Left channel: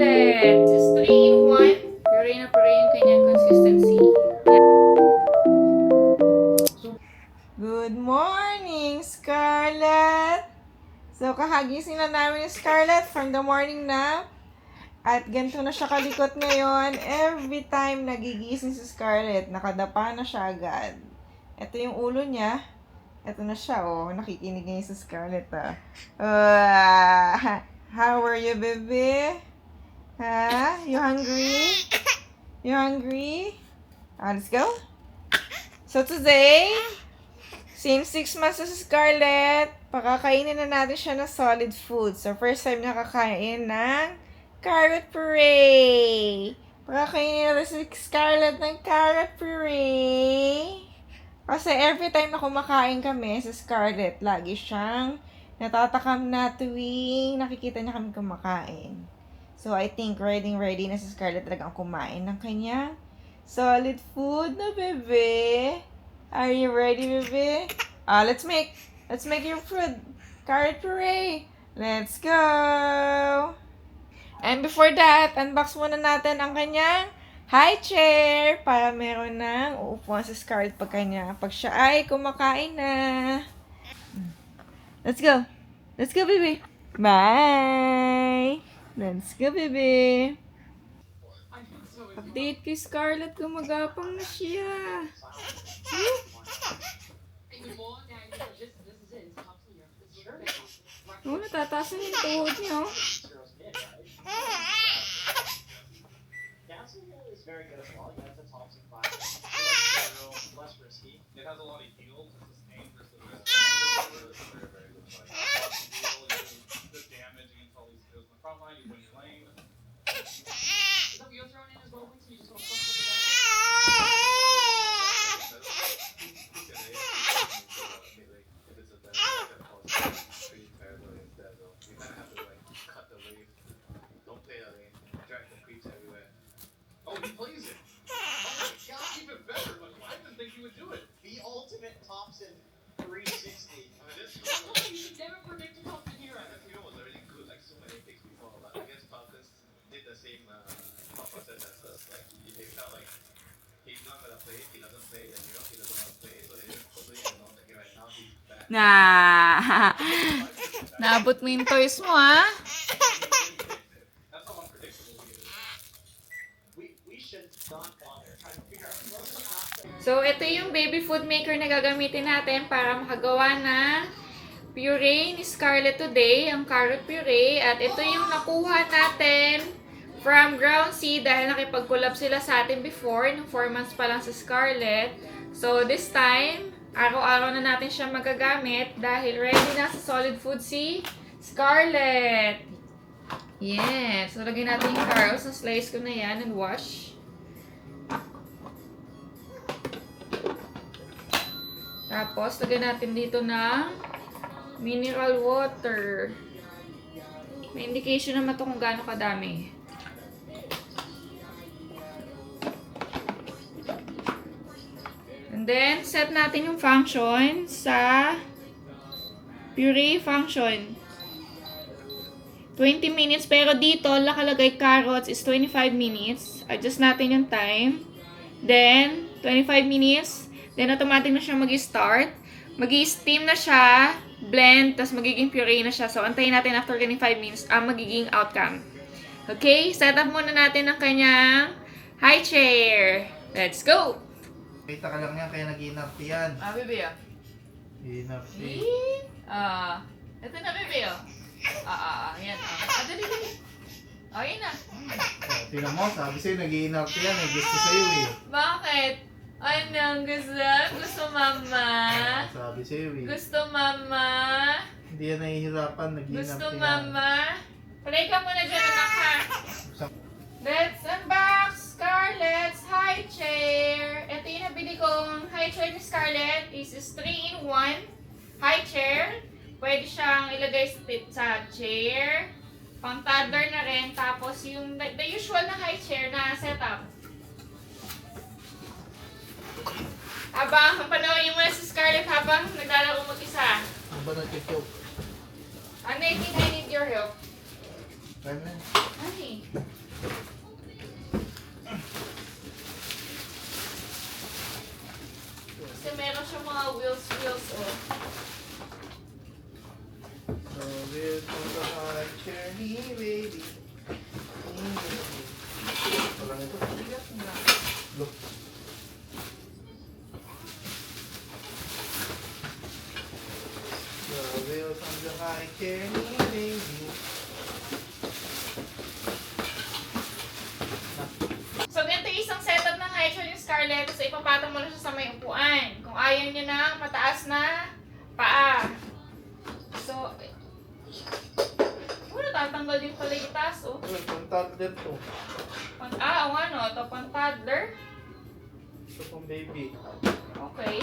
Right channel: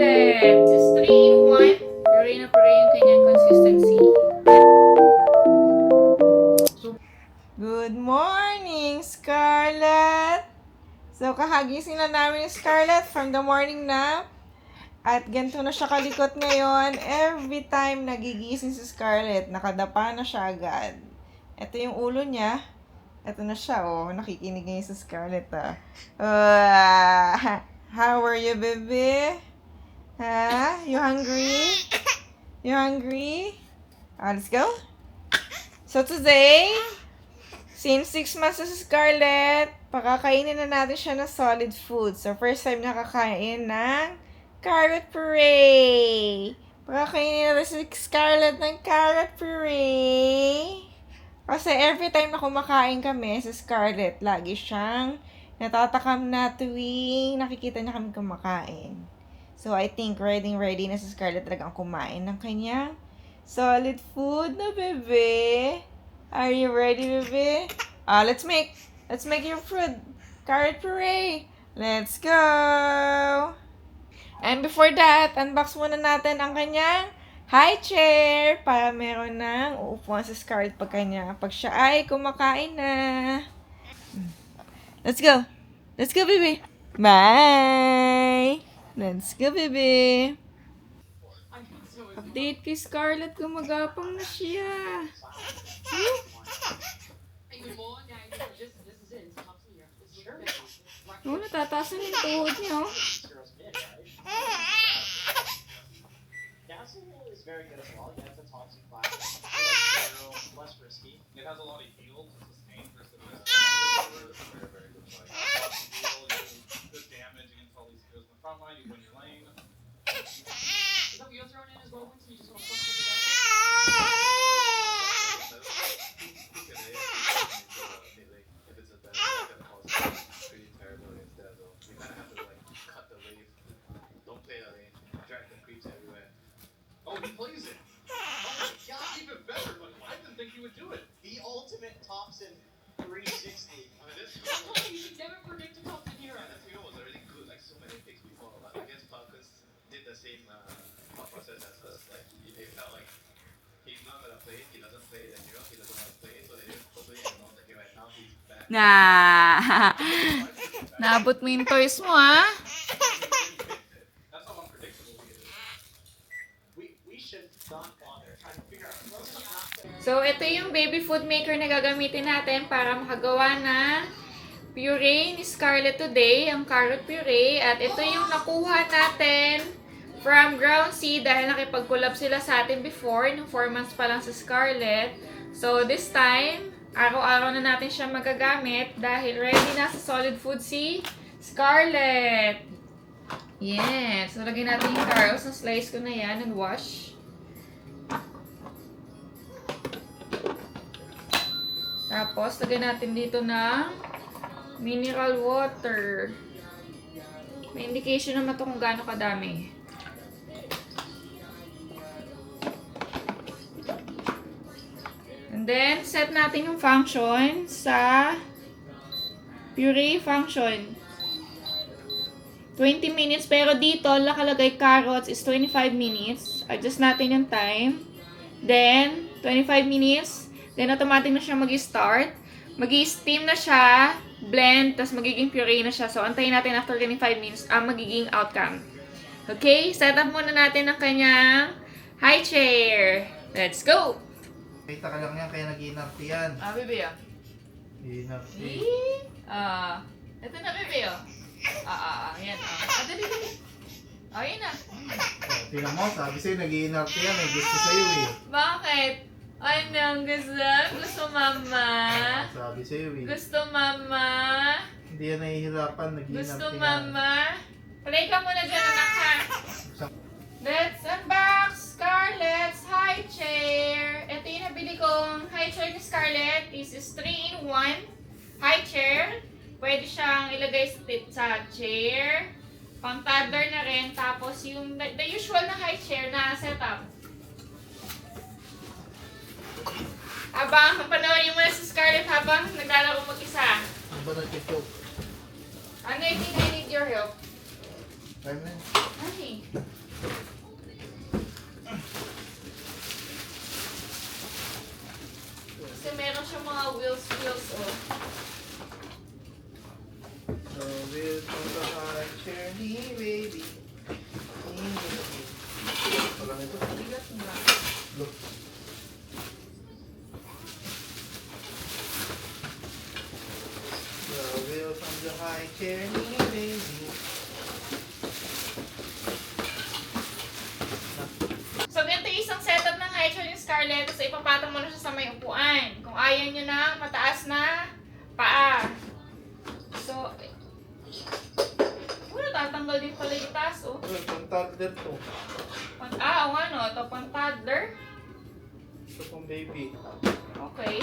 Scarlett. Just 3 in 1. Puree na puree yung kanyang consistency. Good morning, Scarlett! So, kahagising na namin yung Scarlett from the morning nap. At ganito na siya kalikot ngayon. Every time nagigising si Scarlett, nakadapa na siya agad. Ito yung ulo niya. Ito na siya, oh. Nakikinig ngayon si Scarlett, ah. How are you, baby? Ha? You hungry? You hungry? Let's go. So, today, since 6 months na si Scarlett, pakakainin na natin siya ng solid food. So, first time nakakain ng carrot puree. Pakakainin na si Scarlett ng carrot puree. Kasi every time na kumakain kami sa Scarlett, lagi siyang natatakam na tuwing nakikita niya kami kumakain. So, I think ready na si Scarlett talagang kumain ng kanyang solid food na, bebe. Are you ready, bebe? Let's make your food. Carrot puree. Let's go! And before that, unbox muna natin ang kanyang high chair para meron ng uupuan sa Scarlett pag siya ay kumakain na. Let's go. Let's go, baby. Bye. Let's go, baby. Update kay Scarlett, gumagapang na siya. Oh, natataas na yung tuhod niya, oh. Is very good as well. That's a Thompson class. Less risky. It has a lot of yield to sustain versus very, very good play. Good damage against all these skills in the front line, even when you're lane. Is that wheels thrown in as well? So you just want to push it If it's a better, pretty terrible instead though. You kind of have to like cut the wave. Don't play that lane. Drag the creeps everywhere. Oh, he plays it. Oh my god, even better. Like, I didn't think he would do it. The ultimate Thompson 360. I mean, this you should never predict a Thompson here. And the field was already good, like so many picks before. But I guess Falcons did the same thought process as us. Like, they felt like he's not gonna play it, he doesn't play it, and he doesn't want to play it. So they just totally announced that right now he's back. Naabot mo yung toys mo, ha? That's how unpredictable he is. We should not bother trying to figure out. So, ito yung baby food maker na gagamitin natin para makagawa ng puree ni Scarlett today, ang carrot puree. At ito yung nakuha natin from Ground Sea dahil nakipag-collab sila sa atin before, nung 4 months pa lang sa Scarlett. So, this time, araw-araw na natin siya magagamit dahil ready na sa solid food si Scarlett. Yes. So, lagyan natin yung carrots. Na-slice ko na yan and wash. Tapos, lagyan natin dito ng mineral water. May indication naman ito kung gaano kadami. And then, set natin yung function sa puree function. 20 minutes, pero dito, nakalagay carrots is 25 minutes. Adjust natin yung time. Then, 25 minutes. Then, automatic na siya mag-start. Mag-steam na siya, blend, tapos magiging puree na siya. So, antayin natin after 25 minutes ang magiging outcome. Okay, set up muna natin ang kanyang high chair. Let's go! Kita ka lang yan, kaya nag-inapti yan. Bebe, Inapti. ito na, bebe, yan, dali. Yan na. Tingnan mo, sabi sa'yo, nag-inapti yan. May gusto sa'yo eh. Bakit? Anong gusto? Gusto mama? Sabi sa'yo eh. Gusto mama? Hindi yan nahihirapan, nag-inapti Gusto yan. mama? Play ka muna dyan, anak, ha? Let's unbox Scarlett's high chair. Ito yung nabili kong high chair ni Scarlett. This is 3-in-1 high chair. Pwede siyang ilagay sa chair. Pang toddler na rin. Tapos yung the usual na high chair na setup. Habang panoorin mo na si Scarlett habang naglalaro mag-isa. Ano ba nag-joke? Ano, I think I need your help. Time na. Ay. Kasi meron siyang mga wheels, oh. So we'll put the high journey, baby. Wala nito. Bigat na. Look. So we'll put the high journey, baby. So, ganito yung isang setup ng high chair ni Scarlett. So, ipapatong mo na siya sa may upuan. Kung ayaw niyo na mataas na paa. So, tatanggal din pala yung taas, oh. Well, pang toddler to. Oo nga, no? Ito pang toddler. Ito pang baby. Okay.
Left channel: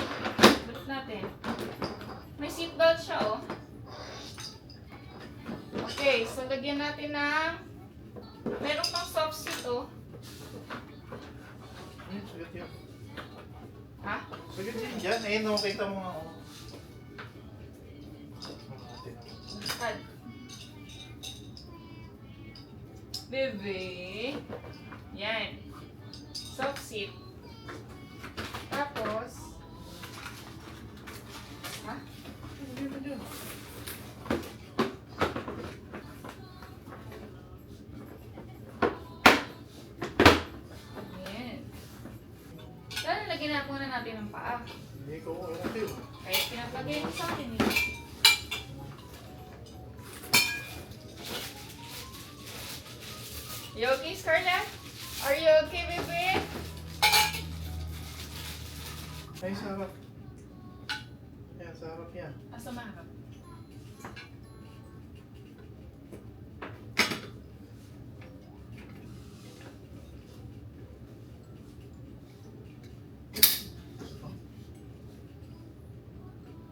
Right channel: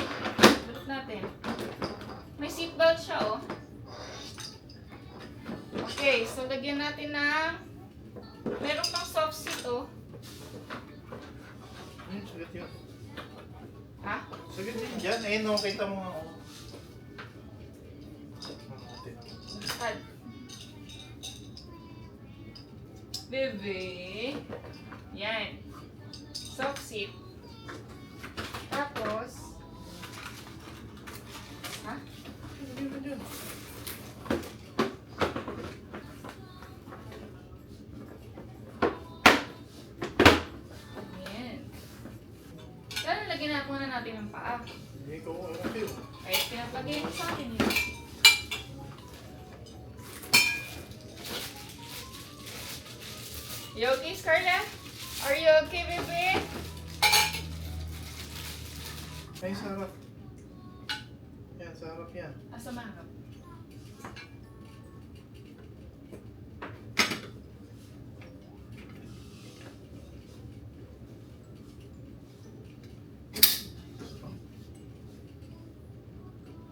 Balik natin. May seatbelt siya, oh. Okay, so lagyan natin ng... Meron pang soft seat, oh. Sagot yun. Ha? Sagot yun dyan. Eh, no, kita mo nga. Oh. Pad. Bebe. Yan. Soft seat. Tapos, ha? Yan. Kaya lagyan na muna natin ng paa. Hindi ko, okay. Kaya pinapagay mo sa akin eh. You okay, Scarlett? Are you okay, baby? Ay, sa harap. Yan, sa harap yan. Asa maharap?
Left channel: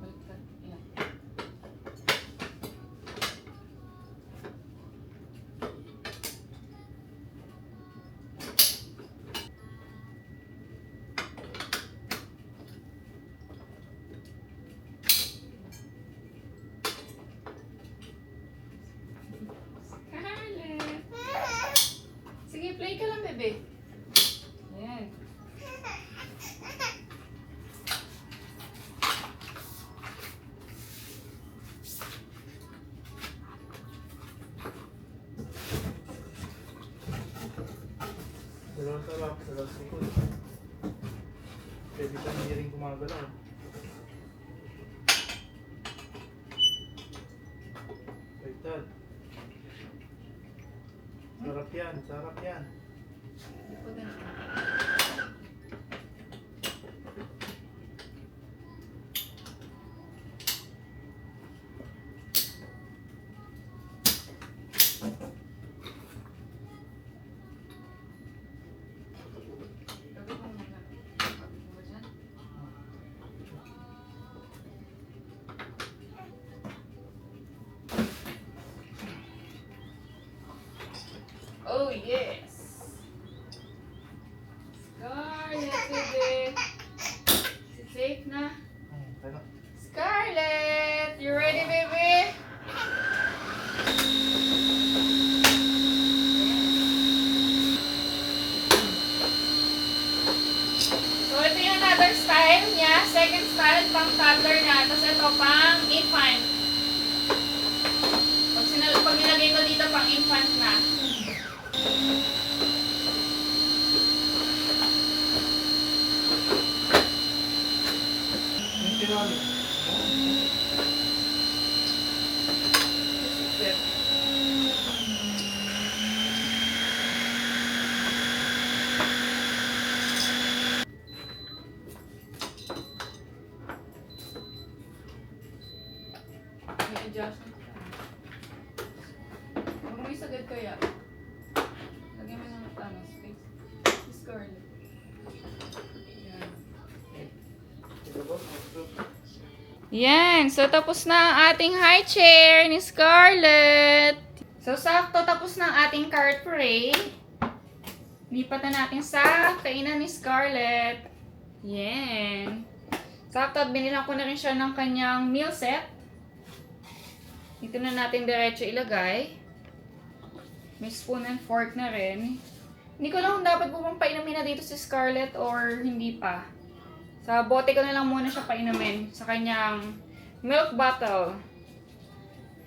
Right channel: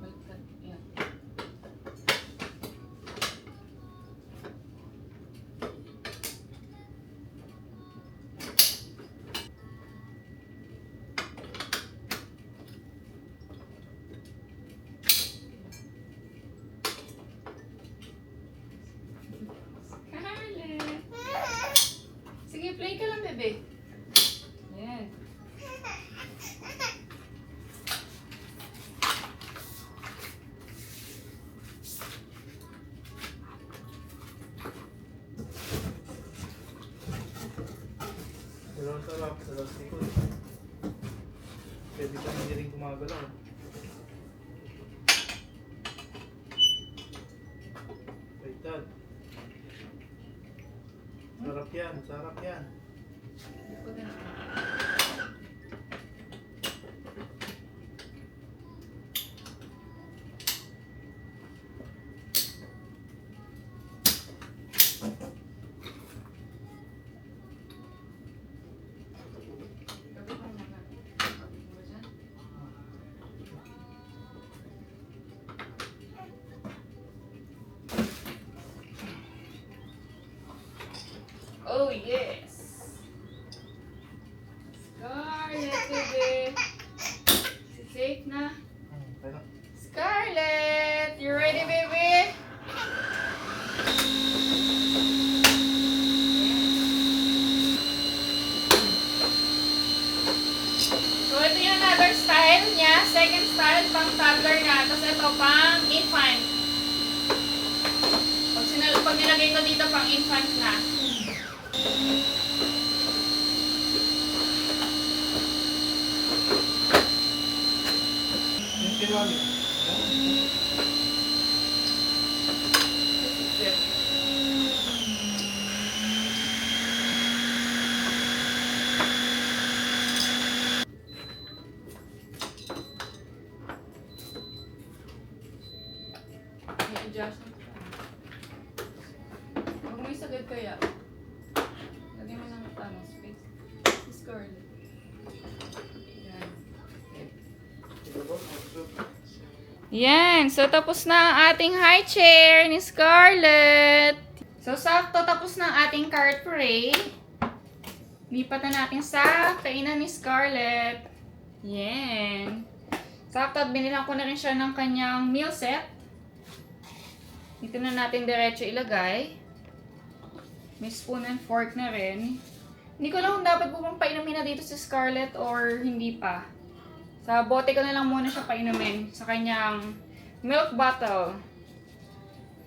Baliktad. Yan. Scarlett. Sige, play ka lang, bebe. Yan. Dalawang sarap, dalawang likod. Pwede ka hindi rin gumagalaw. Baliktad. Sarap yan, sarap yan. Likod na. Gabi ko muna. Gabi ko ba dyan? Oh, yes. Scarlett, baby. Safe na. Kaya. Scarlett, you ready, baby? So, ito yung another style niya. Second style, pang toddler na. Tapos ito, pang infant. Pag nilagay ko dito, pang infant na. Yung tinali. I-adjust na siya. Huwag mo isagad kaya. Lagyan mo ng tamang space. Scarlett. Yan. Yan. So, tapos na ang ating high chair ni Scarlett. So, sakto tapos na ang ating cart parade. Lipat na natin sa kainan ni Scarlett. Yan. Sakto at binilang ko na rin siya ng kanyang meal set. Dito na natin diretso ilagay. May spoon and fork na rin. Hindi ko lang kung dapat po bang painumin na dito si Scarlett or hindi pa. Sa bote ko na lang muna siya painumin sa kanyang milk bottle.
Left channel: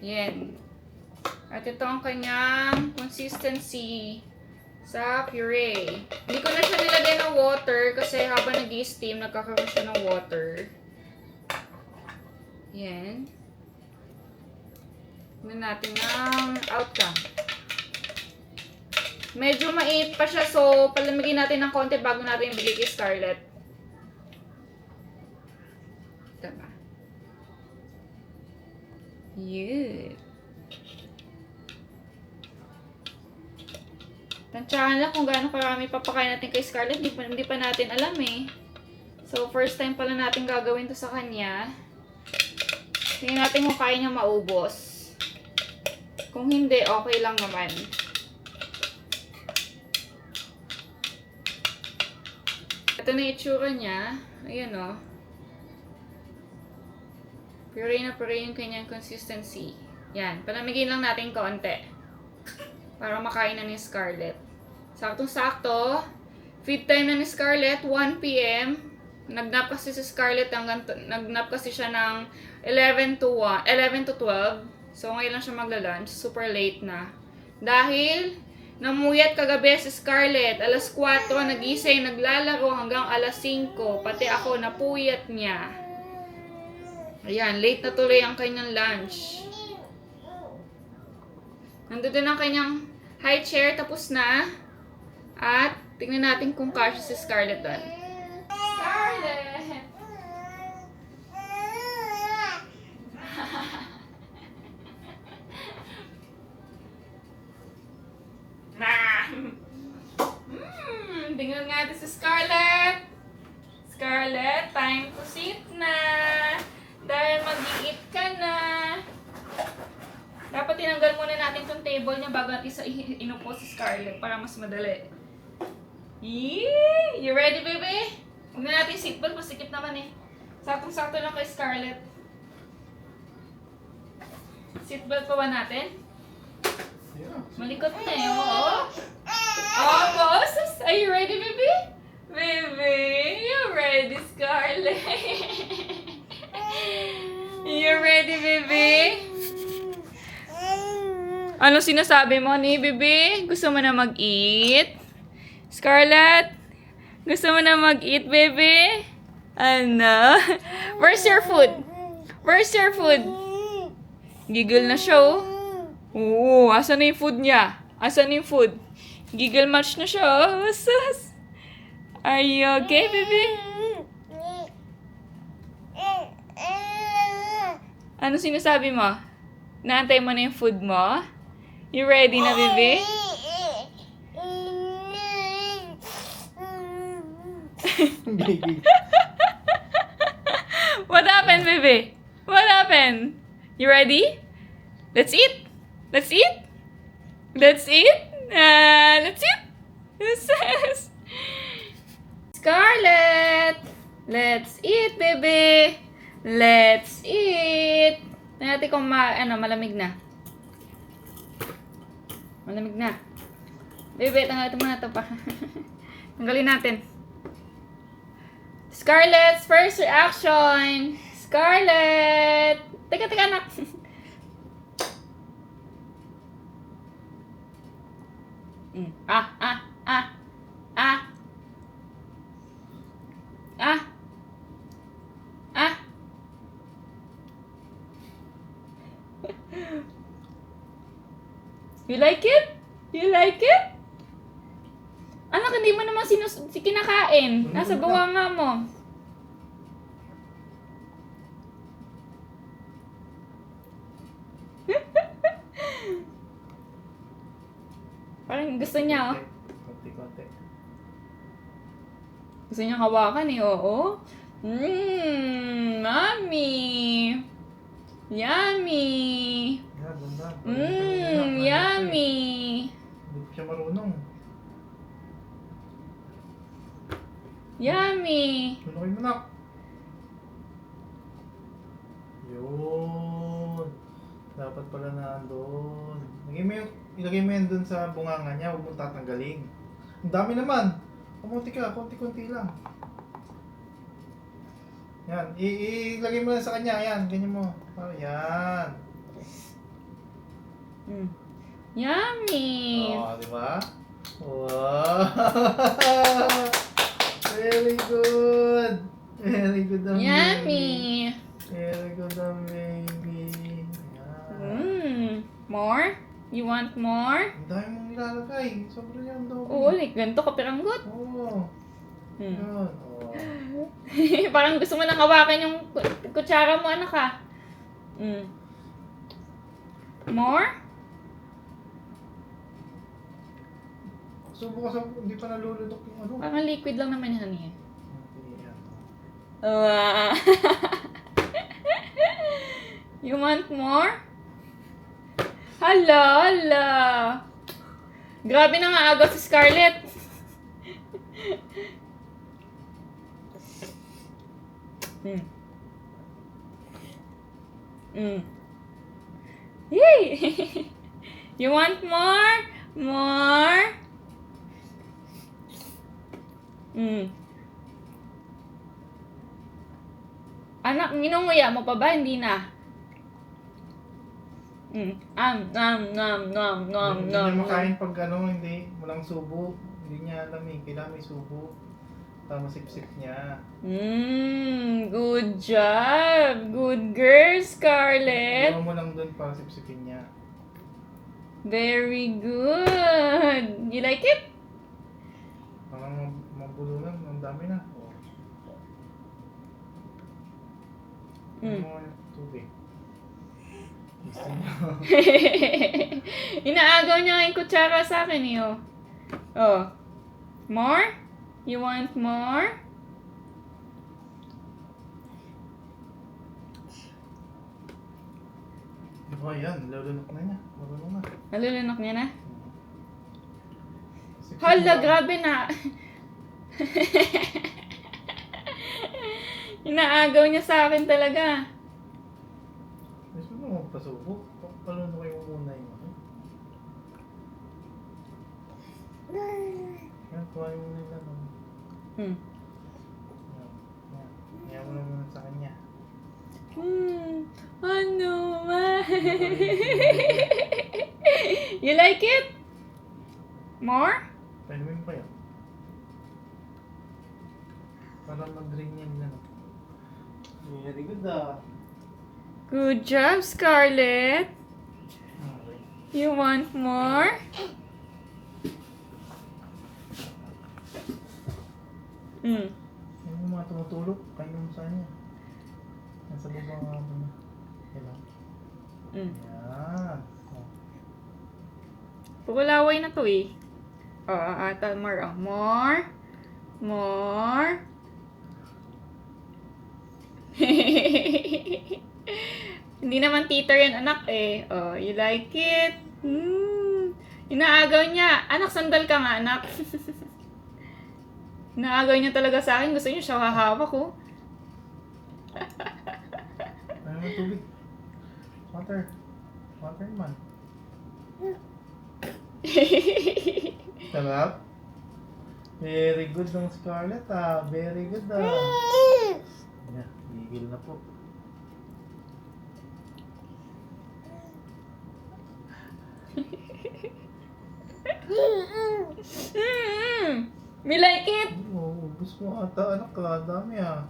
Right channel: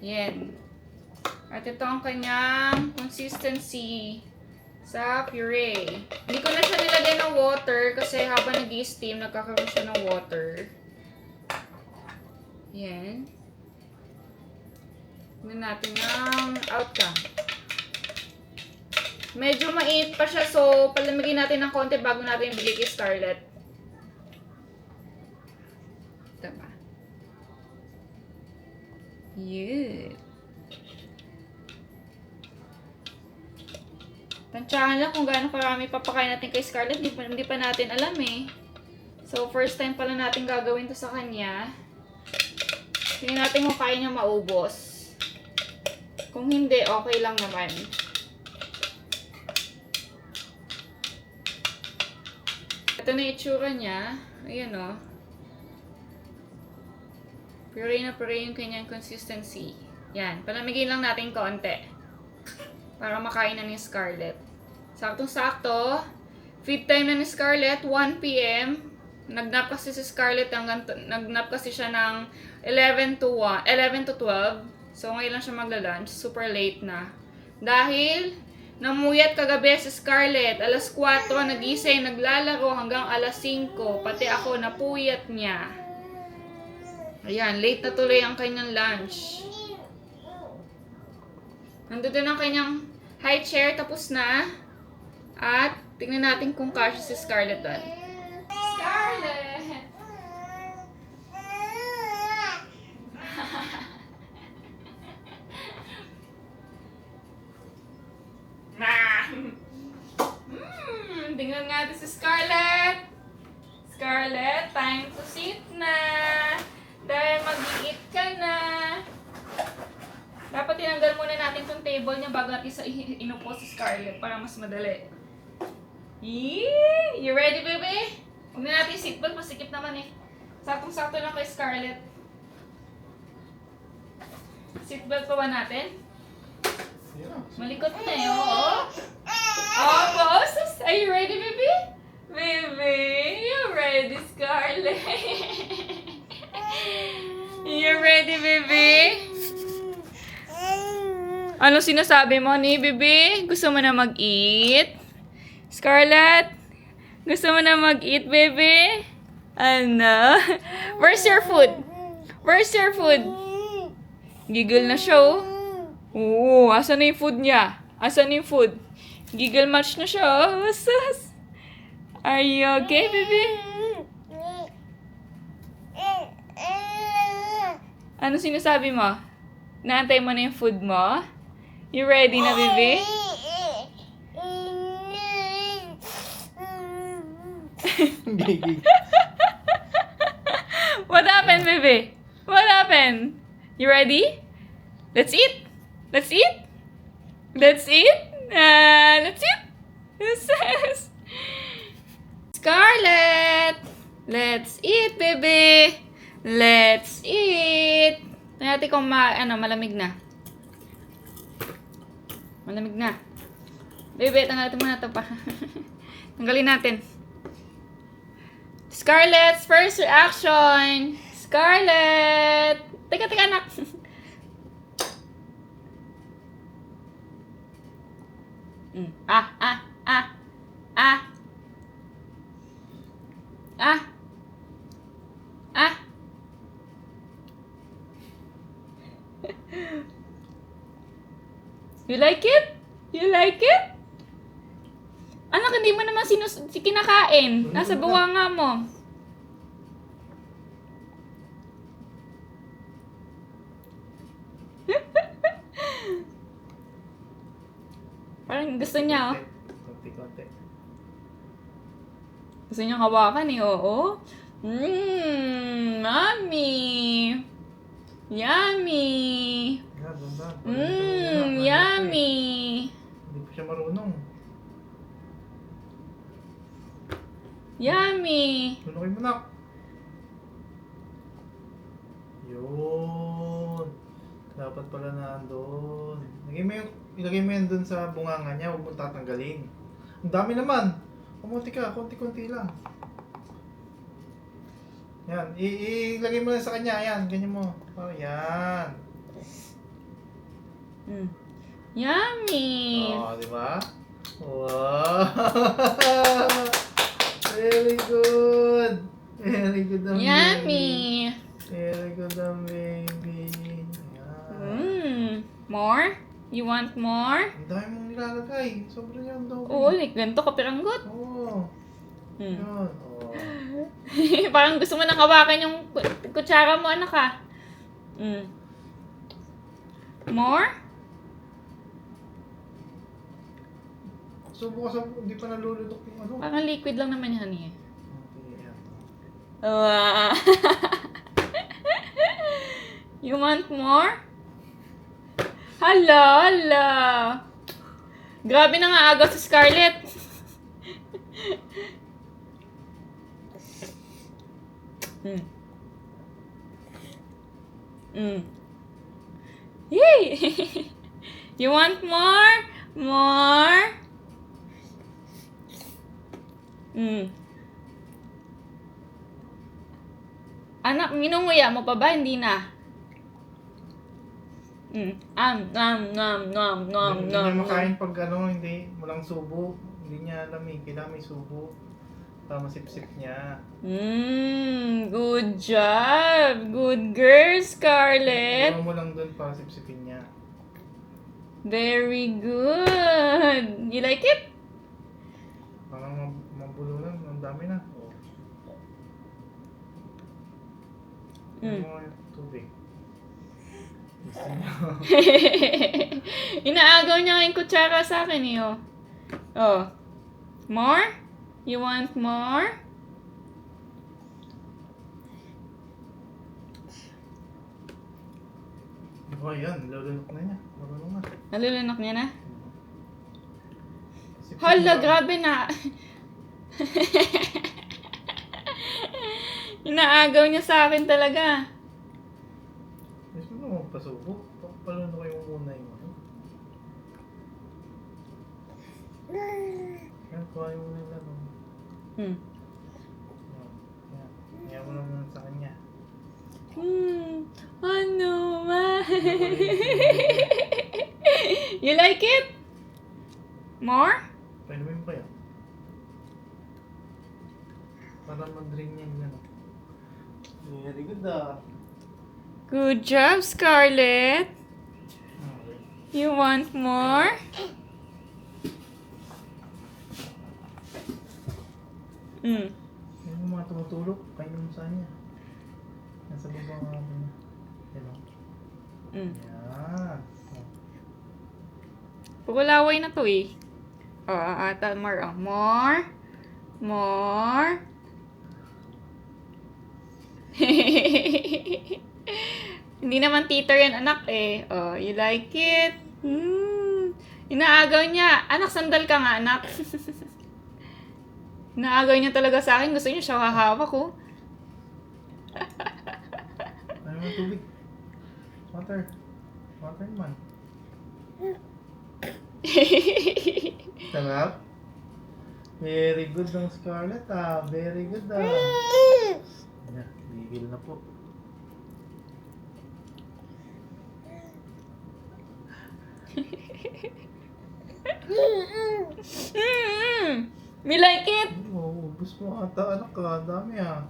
Yan. At ito ang kanyang consistency sa puree. Hindi ko na siya nilagay ng water kasi habang nag-i-steam, nagkakaroon siya ng water. Yan. Tignan natin ang outcome. Medyo mainit pa siya, so palamigin natin ng konti bago natin ibigay kay Scarlett. Ito ba? Yun. Tansyahan lang kung gaano karami papakain natin kay Scarlett. Hindi pa natin alam eh. So, first time pala natin gagawin to sa kanya. Tingnan natin kung kaya niya maubos. Kung hindi, okay lang naman. Ito na itsura niya. Ayan o. Puree na puree yung kanyang consistency. Yan. Palamigin lang natin konti. Para makain na ni Scarlett. Saktong-sakto. Feed time na ni Scarlett, 1 p.m. Nagnap kasi si Scarlett, nagnap kasi siya ng 11 to 12. So, ngayon lang siya magla-lunch. Super late na. Dahil, namuyat kagabi si Scarlett. Alas 4, nagising, naglalaro hanggang alas 5. Pati ako, napuyat niya. Ayan, late na tuloy ang kanyang lunch. Nandito na ang kanyang high chair, tapos na. At, tingnan natin kung kasya si Scarlett doon. Scarlett! Tingnan nga natin si Scarlett. Scarlett, time to sit na. Dahil mag-i-eat ka na. Dapat tinanggal muna natin itong table niya bago natin inupo si Scarlett para mas madali. Yee! You ready, baby? Huwag na natin seatbelt, masikip naman eh. Saktong-sakto lang kay Scarlett. Seatbelt pa ba natin? Yeah. Malikot na eh, oo. Oh, boss! Are you ready, baby? Baby, you ready, Scarlett? You ready, baby? Ano sinasabi mo ni baby? Gusto mo na mag-eat? Scarlett? Gusto mo na mag-eat, baby? Ano? Where's your food? Where's your food? Giggle na siya, oh. Oo, asan na yung food niya? Asan yung food? Giggle match na siya, oh. Sus. Are you okay, baby? Ano sinasabi mo? Naantay mo na yung food mo? You ready na, baby? What happened, baby? What happened? You ready? Let's eat. Let's eat. Let's eat. Let's eat. Yes. Scarlett, let's eat, baby. Let's eat. Tingnan natin kung malamig na. Malamig na. Baby, tanggalin muna ito pa. Tanggalin natin. Scarlett's first reaction. Scarlett! Teka, anak. Ah. You like it? You like it? Anak, hindi mo naman kinakain. Nasa bunganga mo. Parang gusto niya, oh. Konti-konti. Gusto niya hawakan eh, oo. Mommy. Yummy. Yeah, banda. Yummy. Hindi pa siya marunong. Yummy. Tunukin mo na. Yun. Dapat pala na andun. Lagay mo yung ilagay mo yan dun sa bunganga niya, huwag mo tatanggalin. Ang dami naman. Kumunti ka, konti-konti lang. Yan, ilagay mo lang sa kanya, yan, ganyan mo. Para yan. Yummy! Oh, di ba? Wow! Very good! Very good ang baby. Yummy! Very good ang baby. Yan. More? You want more? Ang dami mong nilalagay. Sobrang yan daw. Oo, like ganito kapiranggot. Oo. Yan. Oh. Parang gusto mo nang hawakan yung kutsara mo, anak ka. More? Subo ka sa... Hindi pa nalulunok yung ano. Parang liquid lang naman yan eh. Okay, yan. You want more? Hala. Grabe na nga agaw si Scarlett. Yay! You want more? More? Anak, minunguya mo pa ba? Hindi na. Nom. Hindi niya makain pag ano, hindi. Walang subo. Hindi niya alam eh. Kailangan may subo. Tama sip-sip niya. Good job. Good girl, Scarlett. Iwan mo lang doon para sip-sipin niya. Very good. You like it? Parang mabulo lang. Ang dami na. Ano yung tubig? Gusto niya. Inaagaw niya yung kutsara sa akin eh. Oh. More? You want more? Oh, yan. Lulunok na niya. Marunong na. Nalulunok niya na? Sip-sip Hala, mo. grabe na. Inaagaw niya sa akin talaga. Gusto mo magpasubo? Palunok yung muna yung ano. Yan, kuha yung muna yung ano. Yan. Yan mo lang muna sa kanya. Ano man? You like it? More? Painumin pa yan. Para mag-drain yan ano. Very good ah. Good job, Scarlett. Okay. You want more? Yung mga tumutulog, kayo mo sa kanya. Nasa baba nga ako na. Yan o. Yan. Oh. Pagulaway na to eh. More. More. More. Hindi naman titer yan, anak eh. Oh, you like it? Inaagaw niya. Anak, sandal ka nga, anak. Inaagaw niya talaga sa akin. Gusto niya siya hahawak ko. Ano naman tubig? Water. Water naman. Sarap. Very good ng Scarlett ah. Very good ah. Yan, gigil na po. Me like it? Oh, ubus mo ata anak ka. Dami ah.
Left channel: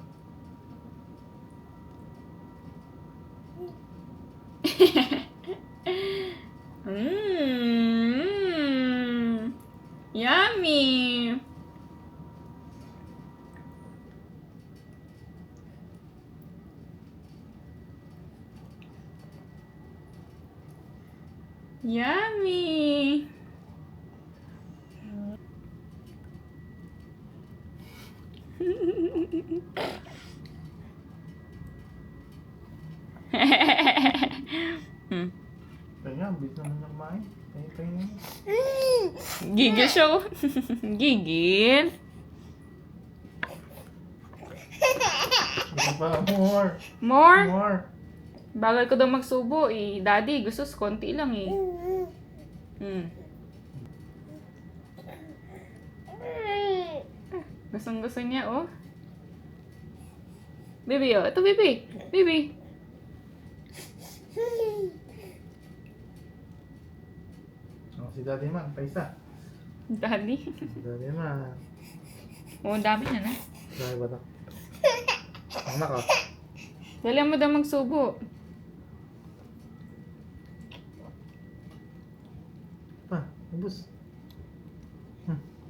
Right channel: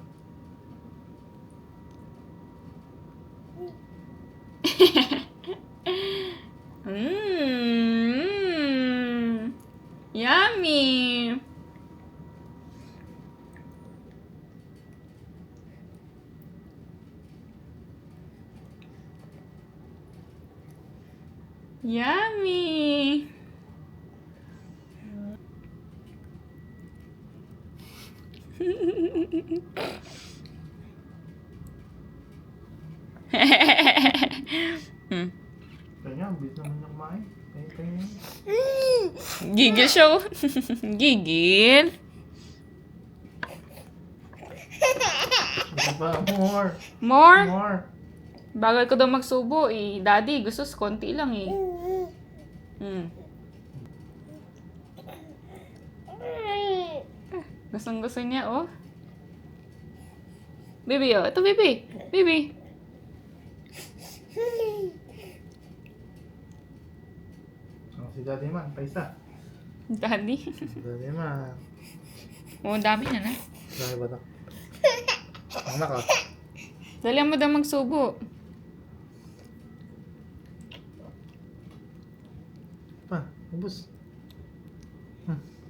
Yummy. Yummy. Kaya, bit naman niya kumain. Kaya na. Gigil siya. Oh. Gigil. Ito pa, more. More? More. Bagal ko daw magsubo eh. Daddy, gusto konti lang eh. Mm. Gustong-gusto niya, oh. Baby, oh. Ito, baby. Baby. Oh, si Daddy Man, paisa. Daddy. Si Daddy Man. Oh, ang dami na na. Dahil ba ito? Anak ah. Dali mo daw magsubo. Pa, ubus.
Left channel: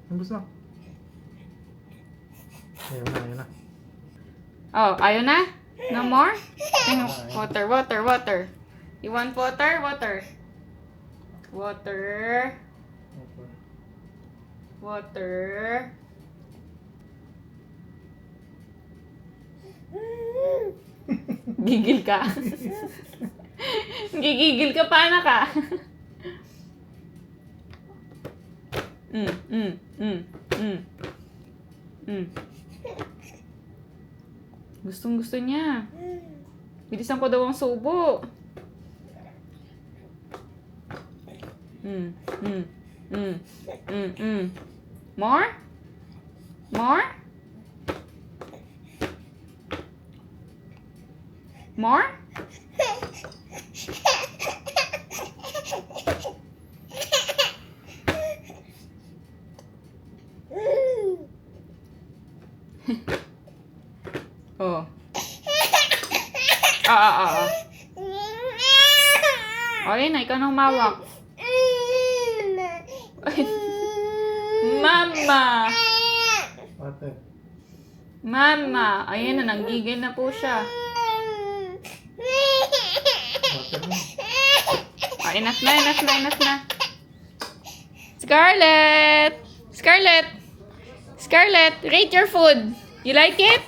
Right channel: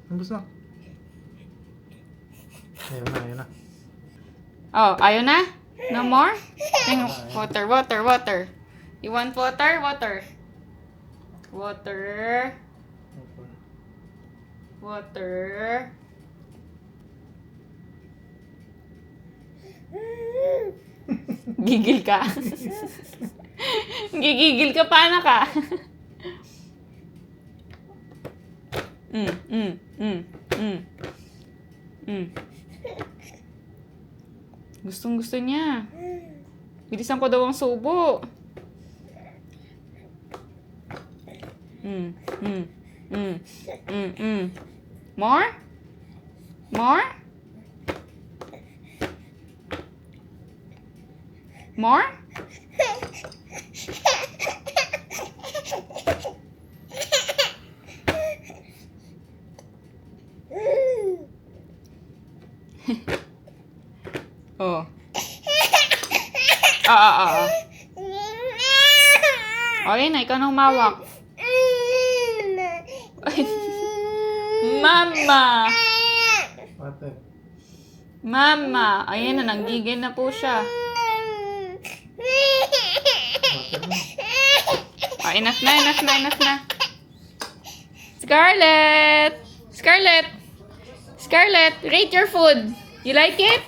Ubus na. Ayun na, ayun na. Oh, ayaw na? No more? Water, water, water. You want water? Water. Water. Water. Gigil ka. Gigigil ka, paano ka? Mm, mm, mm, mm. Mm. Gustong gusto niya. Bilisan ko daw ang subo. Mm, mm, mm, mm, mm. More? More? More? Oh. Okay na, ikaw nang mawak. Ay. Mama! Water. Mama! Ayan na, nanggigil na po siya. Water na. Oh, enough na, enough na, enough na. Scarlett! Scarlett! Scarlett, rate your food. You like it?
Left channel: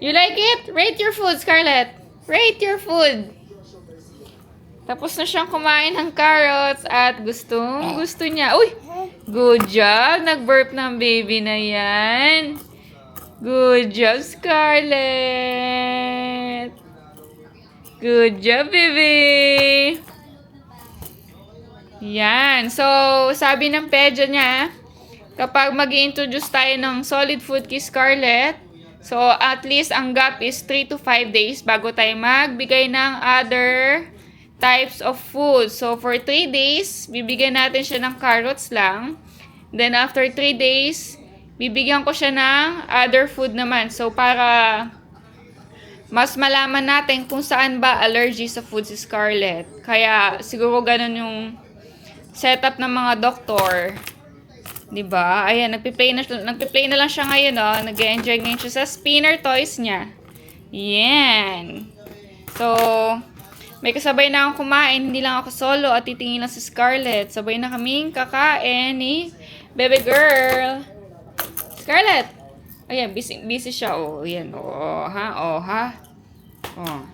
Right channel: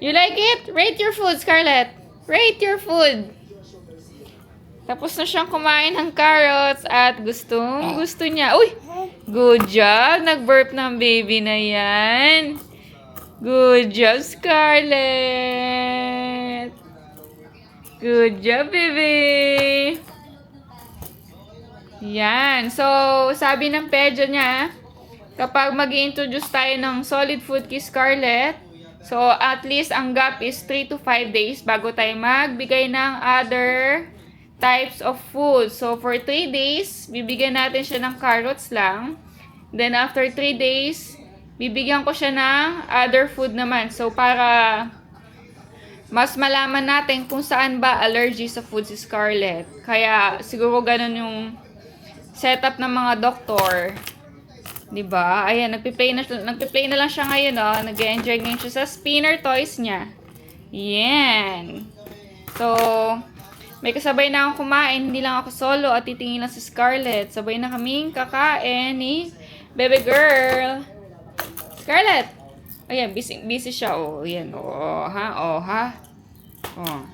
You like it? Rate your food, Scarlett. Rate your food. Tapos na siyang kumain ng carrots at gusto niya. Uy! Good job. Nag-burp ng baby na yan. Good job, Scarlett. Good job, baby. Yan. So, sabi ng pedya niya, kapag mag-introduce tayo ng solid food kay Scarlett, so at least ang gap is 3 to 5 days bago tayo magbigay ng other types of food. So, for 3 days, bibigyan natin siya ng carrots lang. Then, after 3 days, bibigyan ko siya ng other food naman. So, para mas malaman natin kung saan ba allergy sa food si Scarlett. Kaya, siguro ganun yung setup ng mga doktor. Diba? Ayan, nagpiplay na lang siya ngayon, oh. Nag-enjoy ngayon siya sa spinner toys niya. Yan. So, may kasabay na akong kumain, hindi lang ako solo at titingin lang si Scarlett. Sabay na kaming kakain ni baby girl. Scarlett! Ayan, busy siya. Oh, ayan. Oh, ha? Oh, ha? Oh.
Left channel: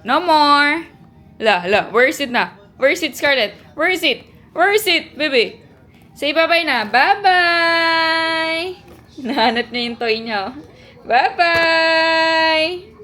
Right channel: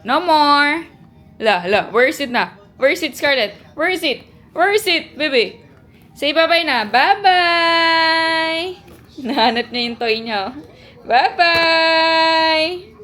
No more! La, where is it na? Where is it, Scarlett? Where is it? Where is it, baby? Say bye-bye na. Bye-bye! Nahanap niya yung toy niya. Bye-bye!